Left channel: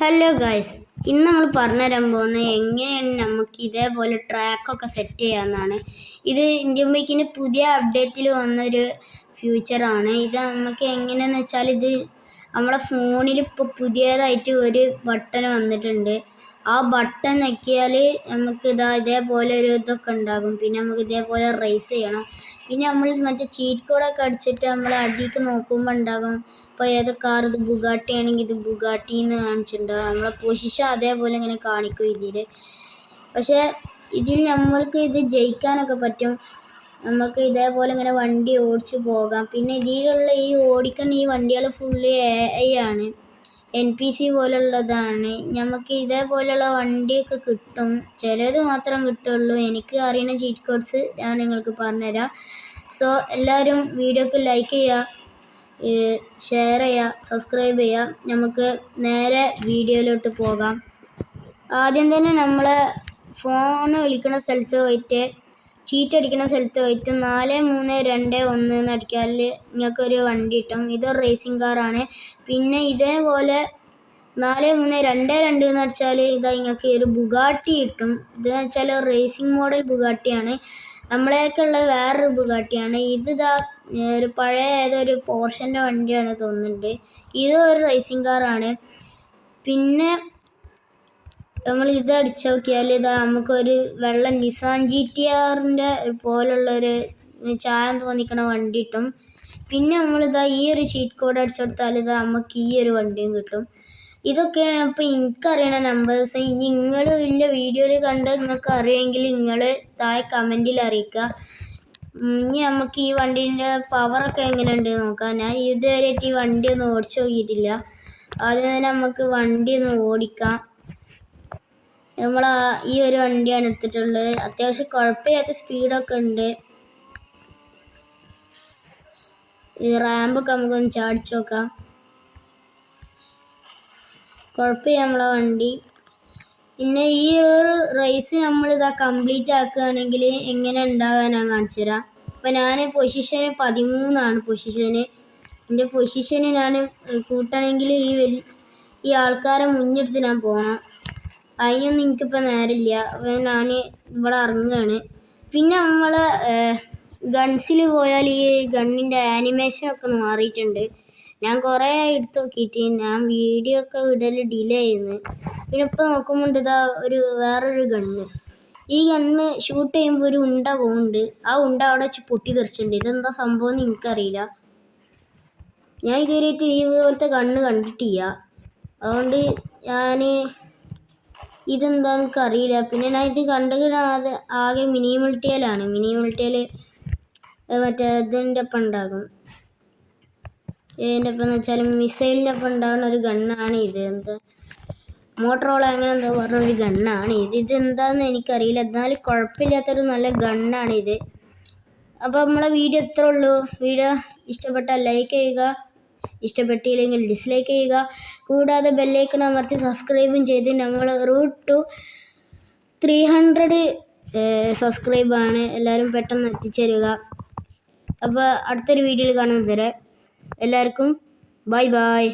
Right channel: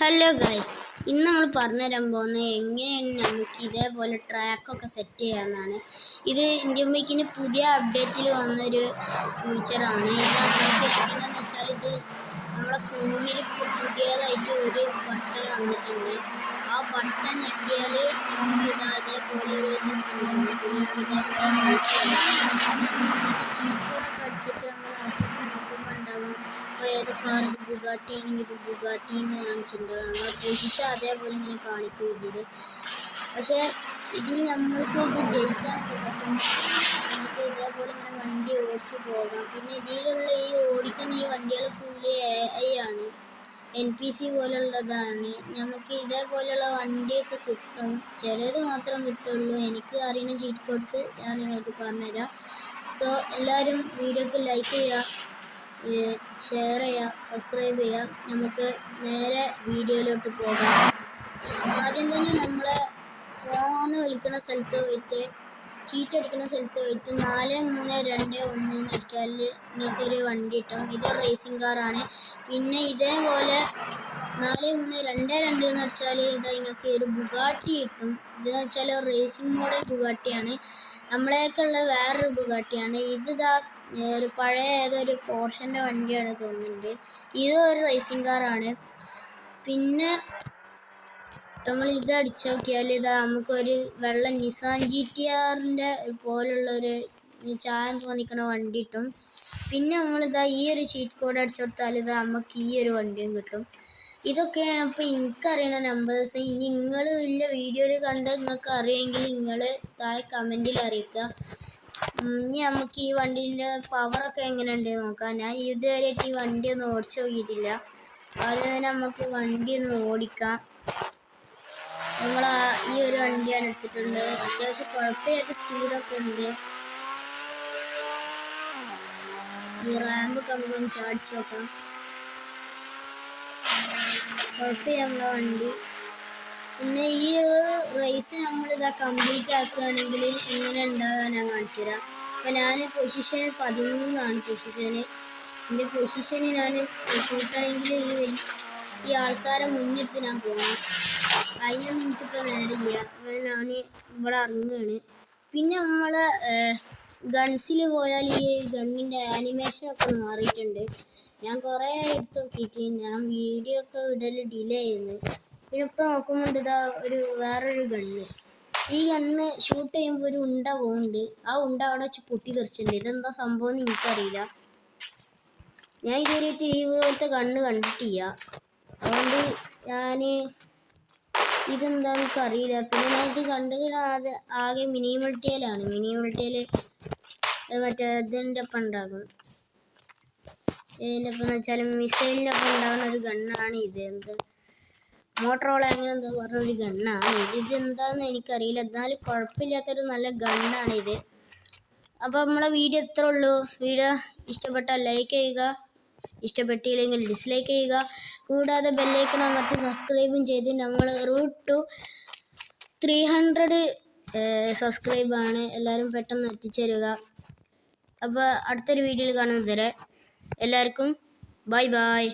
Hello guys, ഇന്ന് നമ്മൾ പറഞ്ഞുതരാൻ പോകുന്നത് എങ്ങനെയാണ് നമുക്ക് ഇതേപോലെ ട്രാക്കൊക്കെ സെറ്റ് ചെയ്യാമെന്നാണ്. ഇത് ഇന്ത്യൻ ബൈക്കിൻ്റെ പുതിയ അപ്ഡേറ്റിൽ വന്നൊരു ഫ്യൂച്ചറാണ്. ഇത് നമുക്ക് എങ്ങനെയാണെന്ന് വെച്ചാൽ ഇത് നമ്മളെ ഫോണിൽ ഇപ്പോൾ പുതിയതായിട്ട് ഒരു ബട്ടൺ വന്നിട്ടുണ്ട്. ആ ബട്ടൺ ഞെക്കിയാൽ നമുക്ക് ഇതേപോലെ ഒരു ഇതൊക്കെ ഉണ്ടാകും. പിന്നെ നമുക്ക് ഇതേപോലെ റേസ് ചെയ്യണം. പിന്നെ നമ്മൾ മറ്റേ ചീറ്റ് കോഡൊക്കെ അടിച്ചിട്ട് നമ്മൾ അടിക്ക് നോക്കുമ്പോൾ ഉണ്ടാകും ഇപ്പോൾ ഏത് കാർ, ഇത് ബുഗാട്ടി ആണെങ്കിൽ ഇത് ബുഗാട്ടി എന്ന് കാണിച്ചിട്ടുണ്ടാകും. നമ്മളെ പൊസിഷൻ അതേപോലെ ഇങ്ങനെ കാണിക്കും ഇതിൽ. പക്ഷേ ഇതിൽ നമ്മൾക്ക് ഇത് ജയിക്കാനൊക്കെ പറ്റും. നമുക്ക് ഇതേപോലെ ഇങ്ങനെ വണ്ടി ഓടിച്ച് പോകാം. പിന്നെ ഇതിലുള്ള ഈ ഓടിക്കുന്ന ഈ വണ്ടികൾ ഫുള്ള് AI ആണ്, NPC പോലുള്ളതാണ്. നമുക്ക് ഇതേപോലെയുള്ള വണ്ടിയൊക്കെ കിട്ടും. ചിലത് മാത്രം കിട്ടുള്ളൂ. എനിക്ക് അറിയുന്ന ചീറ്റ് കോഡ്സ് ഞാൻ നിങ്ങൾക്ക് പറഞ്ഞുതരാം. സോ എല്ലാവരും വീഡിയോക്ക് ലൈക്ക് ചെയ്യുക, ഷെയർ ചെയ്യുക, സബ്സ്ക്രൈബ് ചെയ്യുക. നമുക്ക് നേരെ വീഡിയോയിലോട്ട് പോകാം. ആദ്യം തന്നെ നമ്മളെ ഫോൺ വിളിക്കുന്ന സ്ഥലത്ത് പോയിട്ട് ചീറ്റ് അടിക്കുന്ന സ്ഥലത്ത് പോയിട്ട് 4321 എന്ന് അടിക്കാൽ നിങ്ങൾക്കൊരു വണ്ടി കിട്ടും. ഇത് റേസിംഗ് കാറാണ്. പിന്നെ ഇതേപോലെ 4322 എന്ന് അടിച്ചാൽ ഇതാ നിങ്ങൾക്ക് ഒരു ബുഗാട്ടി കിട്ടും. ഇതെന്ന് വെച്ചാൽ റേസിംഗ് മോഡൽ ബുഗാട്ടിയാണ്. നമ്മളേക്കുള്ള വേറൊരു ബുഗാട്ടിയാണ്. ഇതിതാ ഒരു പഴയ ഏതൊരു പോർഷൻ്റെ വണ്ടിയാണ് തോന്നുന്നുണ്ട്. ഇത് ഒരു റേസിംഗ് കാറാണ്. പിന്നെ നമ്മൾ ഇത് അടിച്ചു നോക്കിയാൽ ഇതാ നമുക്കൊരു വെള്ള നിസാൻ GTRൻ്റെ പോലുള്ളൊരു ചായം തോന്നിക്കണ വണ്ടി കിട്ടും. പിന്നെ നമ്മളിതാ ഈ ഒരു ചീറ്റ് കോഡ് അടിച്ചു കൊടുത്താൽ ഇതാ നമുക്ക് ഈ ഒരു വണ്ടിയും കിട്ടും. ഇതൊക്കെയാണ് ഇപ്പോൾ എനിക്കറിയണ നമ്പേഴ്സ്. ഇനി നിങ്ങൾ വലിയ വീഡിയോയിൽ കണ്ട് നിങ്ങൾക്ക് അറിയുമെങ്കിൽ നിങ്ങൾ താഴെ കമൻറ്റിൽ അറിയിക്കുക. ഇനി നമുക്ക് ഈ വണ്ടീൻ്റെ പവറൊക്കെ എങ്ങനെയുണ്ട് നോക്കാം. ഞാൻ ഇതുവരെയായിട്ട് ഈ വണ്ടി ഒന്നും ഓടിച്ചു നോക്കിയിട്ടില്ല. ആദ്യം തന്നെ നമുക്ക് വണ്ടി ഒന്ന് ഓടിക്കാം. നമ്മൾ ഈ ഒരു വണ്ടിയാണ് എടുത്തിട്ടുള്ളത്. അത്യാവശ്യം കുഴപ്പമില്ലാത്ത സ്പീഡൊക്കെ ഉണ്ട്. ഈ റാമ്പൊക്കെ നമുക്കൊന്ന് ചാടിച്ചു നോക്കാം. കുഴപ്പമില്ല നമ്മളെ വണ്ടി. പിന്നെ ഈ ഒരു റേസ് നമ്മളിതാ കംപ്ലീറ്റ് ആക്കുകയാണെങ്കിൽ എങ്ങനെ ഉണ്ടാകാൻ ഞാൻ കാണിച്ചു തരാം. അപ്പോൾ ഞാൻ പൊസിഷൻ 13 പൊസിഷന്. എൻ്റെ പൊസിഷന് ഞാൻ കൂട്ടണമെങ്കിൽ ഈ ആൾക്കാരെ മുന്നെടുത്ത് ഞാൻ പോകണം. അതിനൊന്നും എനിക്കിപ്പോൾ നേരമില്ല. അപ്പോൾ ഞാൻ ഇവിടെ ഇറങ്ങുകയാണ്. പിന്നെ നമ്മളെ ഗൺസിൽ പോയാൽ ഈ ഗണ്ണിൻ്റെ ആനിമേഷനൊക്കെ മാറിയിട്ടുണ്ട്. ഞാൻ കുറേ എടുത്ത് നോക്കിയിട്ട് ഞാൻ വീഡിയോ ഒക്കെ വിടൽ ഡിലേ ചെയ്യുന്നു. പിന്നെ ഇപ്പോൾ നോക്കുമ്പോൾ ഇതാ വേറൊരു ഗണ്ണ്. ഈ ഗണ്ണ് ഷൂട്ട് ചെയ്യുമ്പോൾ ഒരു ഉണ്ട പോകുന്നുണ്ട്. ആ ഉണ്ട അവിടെ വെച്ച് പൊട്ടി തെറിച്ചിട്ടുണ്ട്. ഇതെന്താ സംഭവം എന്ന് എനിക്കറിയില്ല. ഞാൻ ഇതുവരെയായിട്ട് ഈ പോലത്തെ ഗണ്ണ് കണ്ടിട്ടില്ല. അതുകൊണ്ട് ഞാൻ ഇതെന്താണെന്ന് എനിക്കറിയില്ല. പിന്നെ ഞാൻ ഇത് കണ്ടത് ആകെ മിനിമൾട്ടിയിലാണ്. മിനിമൾട്ടിയിൽ മറ്റേ ഇതിൻ്റെ ഒപ്പം ഉണ്ടാകും. ഇതിൻ്റെ ഒപ്പം എന്ന് വെച്ചാൽ മിസൈലിൻ്റെ ഒപ്പം ഉണ്ടാകുന്ന ഒരു ഗണ്ണാണ് ഇത്. എന്താ മോട്ടറോള അങ്ങനെ എന്താ പറഞ്ഞൊരു ഗണ്ണാണ് ഇത്. ഇതെന്താണെന്ന് എനിക്കറിയില്ല. എന്നാലും കുഴപ്പമില്ലാത്തൊരു നല്ല ഗണ്ണാണിത്. അപ്പോൾ നമ്മളെ വീഡിയോ ഇത്രേ ഉള്ളൂ. വീഡിയോ ഇഷ്ടപ്പെട്ടാൽ ലൈക്ക് ചെയ്യുക, ഇഷ്ടപ്പെട്ടില്ലെങ്കിൽ ഡിസ്ലൈക്ക് ചെയ്യുക. കൂടാതെ ബെല്ലൈക്കൺ അമർത്തി സബ്സ്ക്രൈബും ചെയ്ത് നമ്മൾ റൂട്ട് ടു 300 സബ്സ്ക്രൈബാണ്. എല്ലാവരും പെട്ടെന്ന് എത്തിച്ചേരുക. അപ്പോൾ അടുത്തൊരു വീഡിയോയിൽ കാണുന്നത് വരെ എല്ലാവർക്കും ബൈ ബൈ.